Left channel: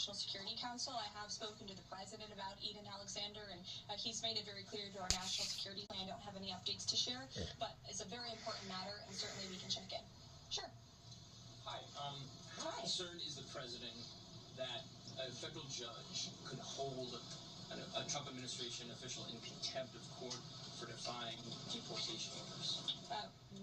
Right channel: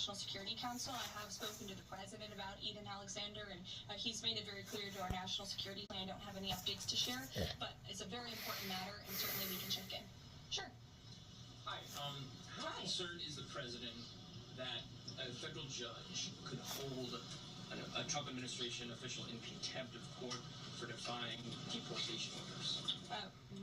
National Security Council. I have spoken to the president about Eden Alexander, and he's made it very clear to our national security plan. I don't have any updates to share, but it's a very important matter, and certainly we can check in. Sure. Hi. How concerned is the president that a federal judge could hold a Trump administration official in contempt of court for defying deportation orders?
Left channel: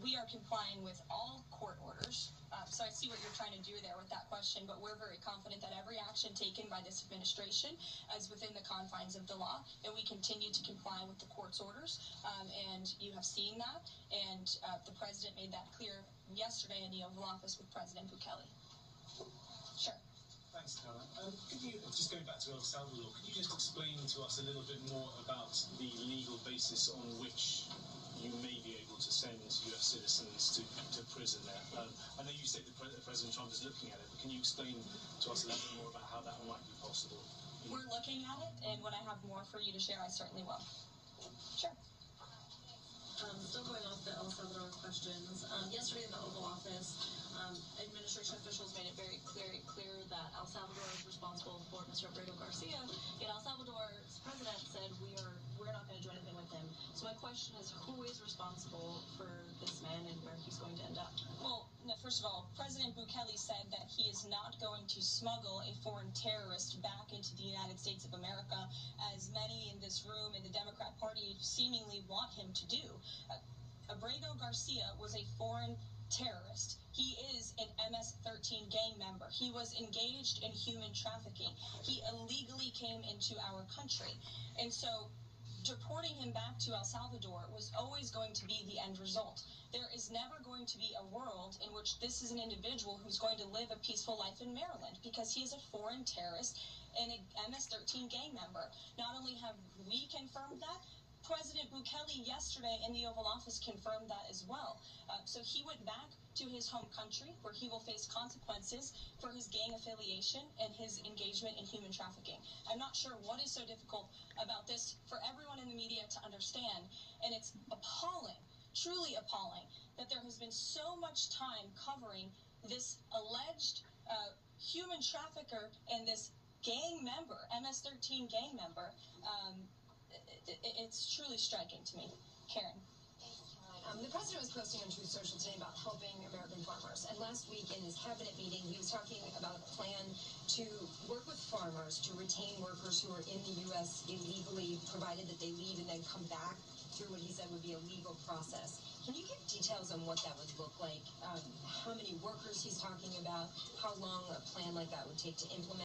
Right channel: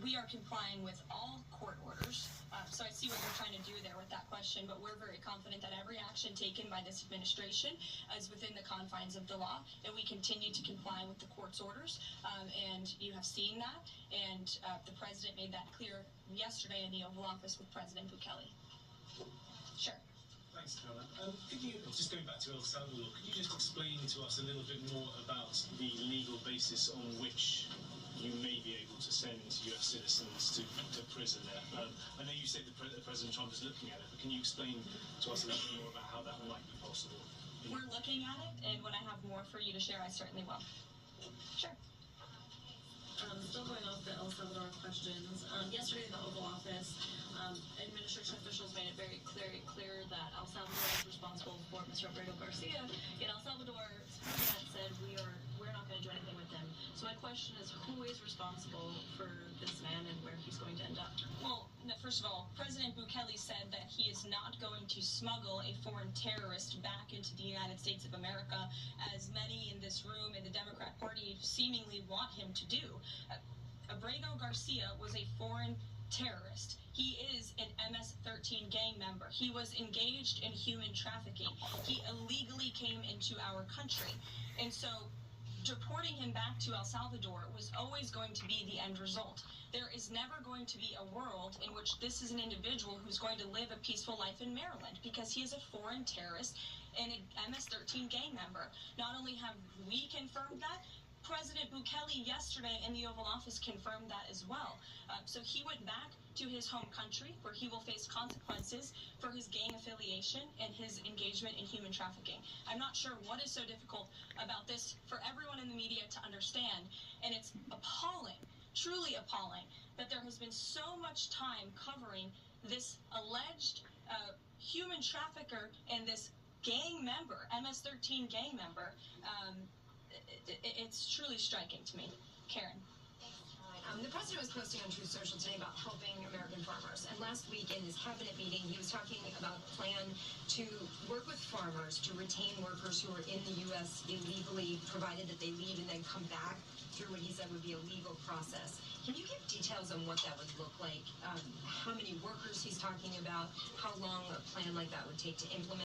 We are complying with all court orders. So I see what you're trying to do there with that question, but we're very confident that every action taken by this administration is within the confines of the law, and we continue to comply with the court's orders. And you have seen that, and the president made that clear yesterday in the Oval Office with President Bukele. Sure. Thanks, Tara. Could you, just going back to El Salvador, could you just explain to us a little bit more about the legal basis on which you may be able to send US citizens to prison there? I know you said that President Trump is looking at it, but can you explain to us a little bit more about how that might be possible? We're looking at it, and when I have more for you to share, I certainly will. Sure. Still going off the El Salvador questions. Yesterday in the Oval Office, administration officials made it very clear that El Salvador is responsible for Mr. Alberto Garcia. Yet El Salvador's president said we're not going to do anything with him. So my question is, who is responsible for this man and where he's going to end up? Well, first of all, President Bukele said that he is not going to smuggle a foreign terrorist back into the United States of America, as many in this room in the Democrat Party seemingly want him to do. Abrego Garcia was a foreign terrorist. He is an MS-13 gang member. He was engaged in human trafficking. He illegally came into our country. And so deporting him back to El Salvador was always going to be the end result. There is never going to be a world in which this is an individual who's going to live a peaceful life in Maryland, because he is a foreign terrorist and an MS-13 gang member. Not only have we confirmed that, President Bukele yesterday in the Oval Office confirmed that as well. So he went back to his home country, where he will face consequences for his gang affiliation and his engagement in human trafficking. I'm not sure what is so difficult about this for everyone in the media to understand, and it's appalling, truly appalling, that there has been so much time covering this alleged human trafficker and this gang member, MS-13 gang member. It's truly striking to me. Karen. The president was posting on Truth Social today about helping American farmers. And last week in his cabinet meeting, he was talking about a plan to work with farmers to retain workers who are in the U.S. illegally, provided that they leave and then come back through what he said would be a legal process. Can you give details on what that would look like? How many workers he's talking about? How long a plan like that would take to implement?